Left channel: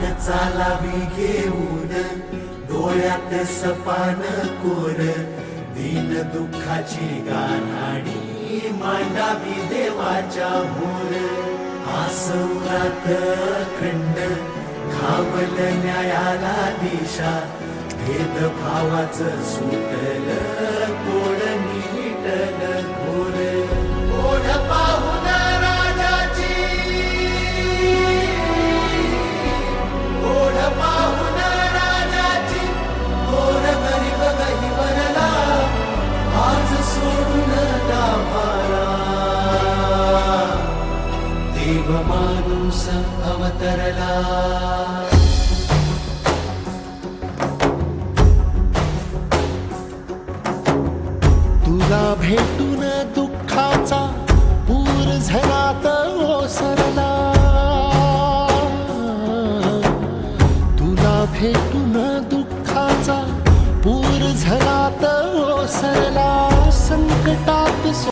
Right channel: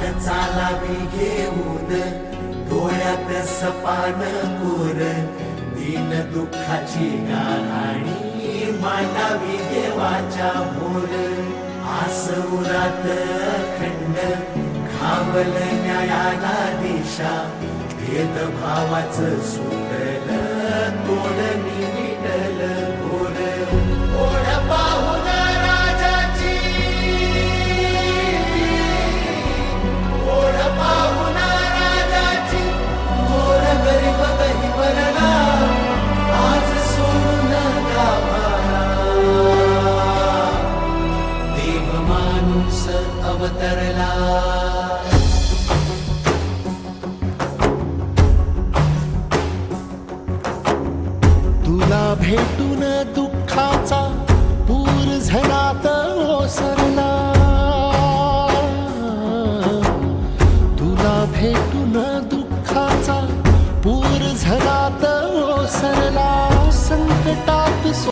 वाट चालावी घेऊन डोळ्यात सपान कोर दीन दुःखाची गाऱ्हाणी मांडावी देवाच्या मोर आसुरात खंड खावल न्यायाला दिशा भेदभावाचं सुटल तोडणी मिटल घोर ओढ पाहून राजाची ओढ पाहून राजाची घोर गरीब गहिवरला आज सोडून गाभारा देव माणूस अवतरला तुला भेटून दुःखाचा पूर झनात ओसरला तुला भेटून दुःखाचा पूर झनात ओसरला संकटात